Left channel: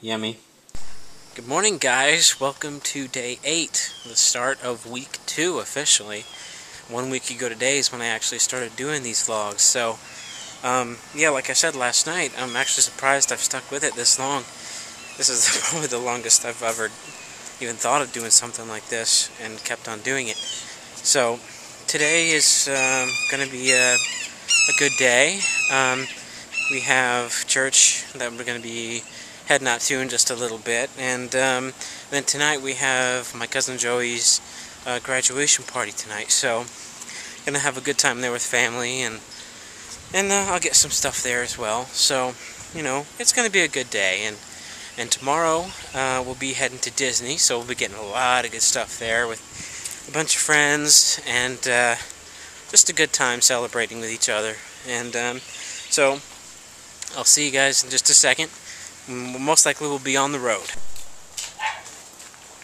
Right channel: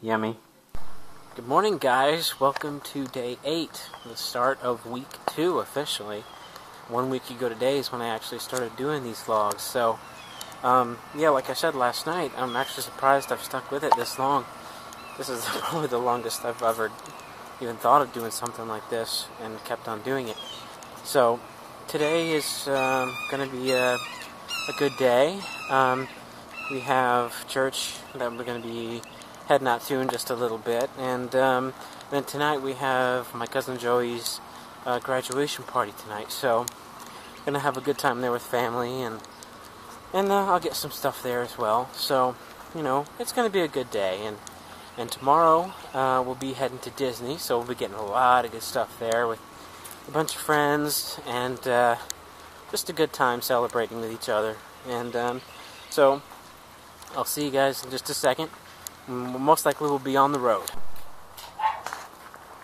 Yummy. Good morning, guys. Welcome to day 8, the start of week 2 officially. 1 week ago today is when I actually started doing these vlogs. So, yeah, like I said last night, I'm actually surprised I've stuck with it this long. This is probably the longest I've ever even thought of doing something like this and kept on doing it. So, today is going to be a good day. We have church that we're going to be heading out to in just a little bit, and then tonight we have my cousin Joey's graduation party tonight. So, gonna have a good time there with family, and I'll get some stuff there as well. So, you know, it's gonna be a good day. And tomorrow we'll be heading to Disney, so we'll be getting a lot of good stuff there with a bunch of friends, and just a good time celebrating with each other. And so I'll see you guys in just a second. Most likely we'll be on the road.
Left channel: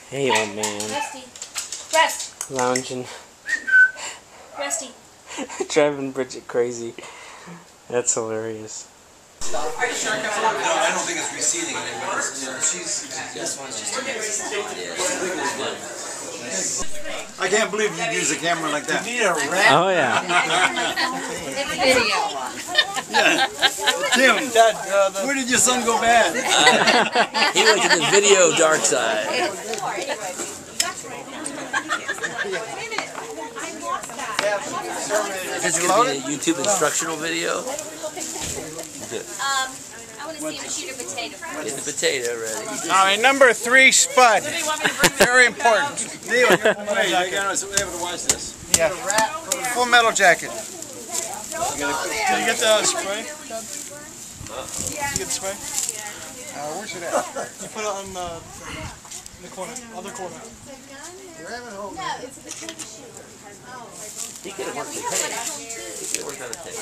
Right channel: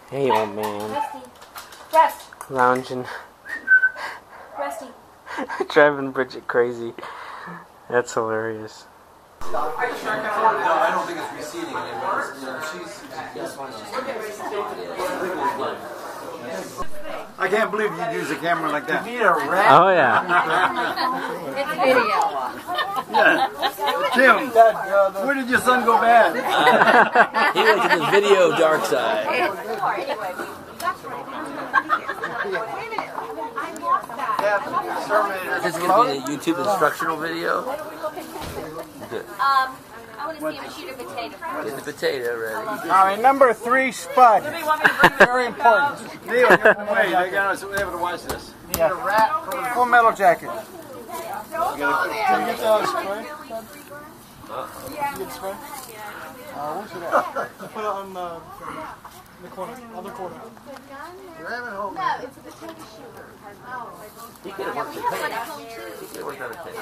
Hey, old man. Rusty. Rest. Lounging. Rusty. Driving Bridget crazy. That's hilarious. Are you sure? No, I don't think it's receding anymore. This one's just I can't believe you'd use a camera like that. You need a wrap. Oh, yeah. Yeah. Tim, where did your son go bad? He went to the video dark side. This is going to be a YouTube instructional video. I want to see him shoot a potato. Get the potato ready. All right, number 3, Spud. Very important. Neil, you gotta be able to watch this. Yeah. Full Metal Jacket. Did you get the spray? Did you get the spray? Where's it at? You put it on the corner, other corner. You're having home. He could have worked the tape. He could have worked on the tape.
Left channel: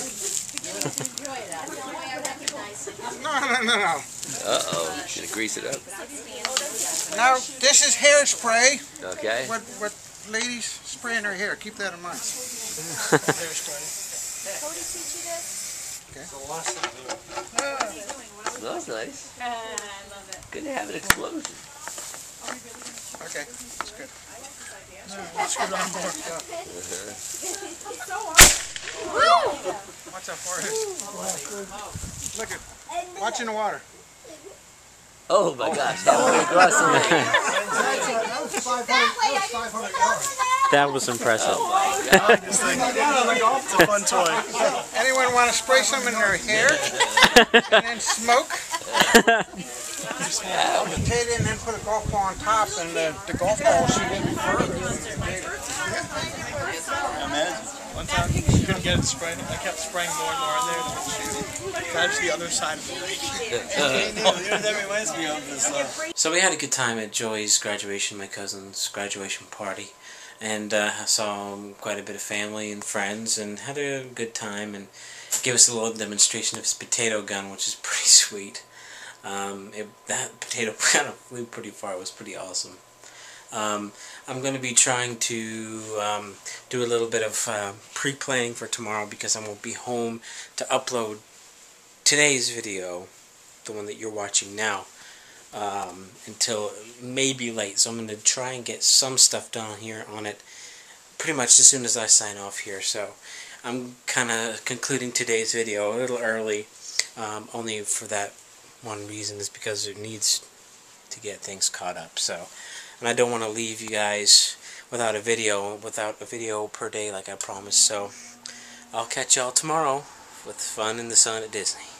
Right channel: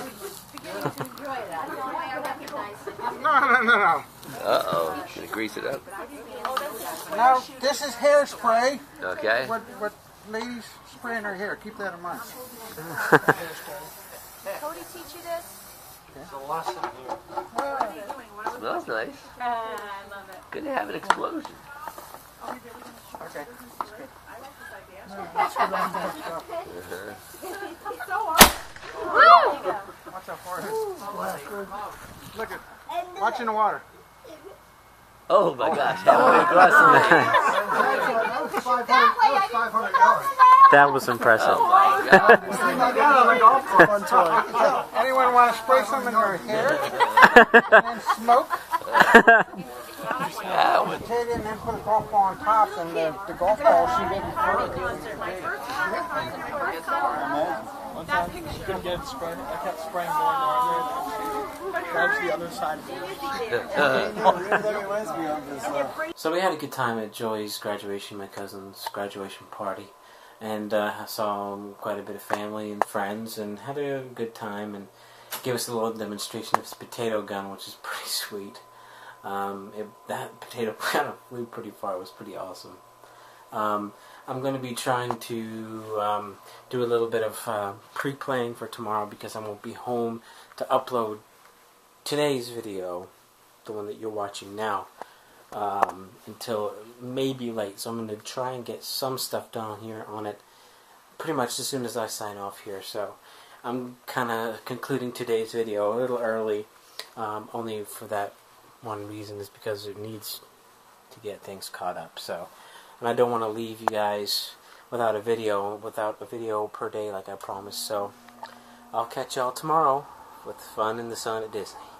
No. Uh-oh. Gonna grease it up. Now, this is hairspray. Okay. What ladies spray in their hair. Keep that in mind. Cody teach you this? Well, that's nice. I love it. Good to have an explosion. Okay, that's good. Let's go down more. Watch out for it. Look at, watch in the water. Oh my gosh. That That was impressive. Oh my God. It's a fun toy. Anyone want to spray some in their hair and then smoke? Potato and then put a golf ball on top, and the golf ball shoot in Imagine. One time, couldn't get it to spray. I kept spraying more and more in there to shoot. That's the other side of the lake. That reminds me of this. So we had a good time at Joey's graduation, my cousin's graduation party. And I saw quite a bit of family and friends, and had a good time, and gave us a little demonstration of his potato gun, which is pretty sweet. That potato kind of flew pretty far. It was pretty awesome. I'm going to be trying to do a little bit of pre-playing for tomorrow, because I won't be home to upload today's video, the one that you're watching now, until maybe late. So I'm going to try and get some stuff done here on it pretty much as soon as I sign off here. So I'm kind of concluding today's video a little early, only for that one reason, is because it needs to get things caught up. So, and I don't want to leave you guys without a video per day like I promised. So I'll catch y'all tomorrow with fun in the sun at Disney.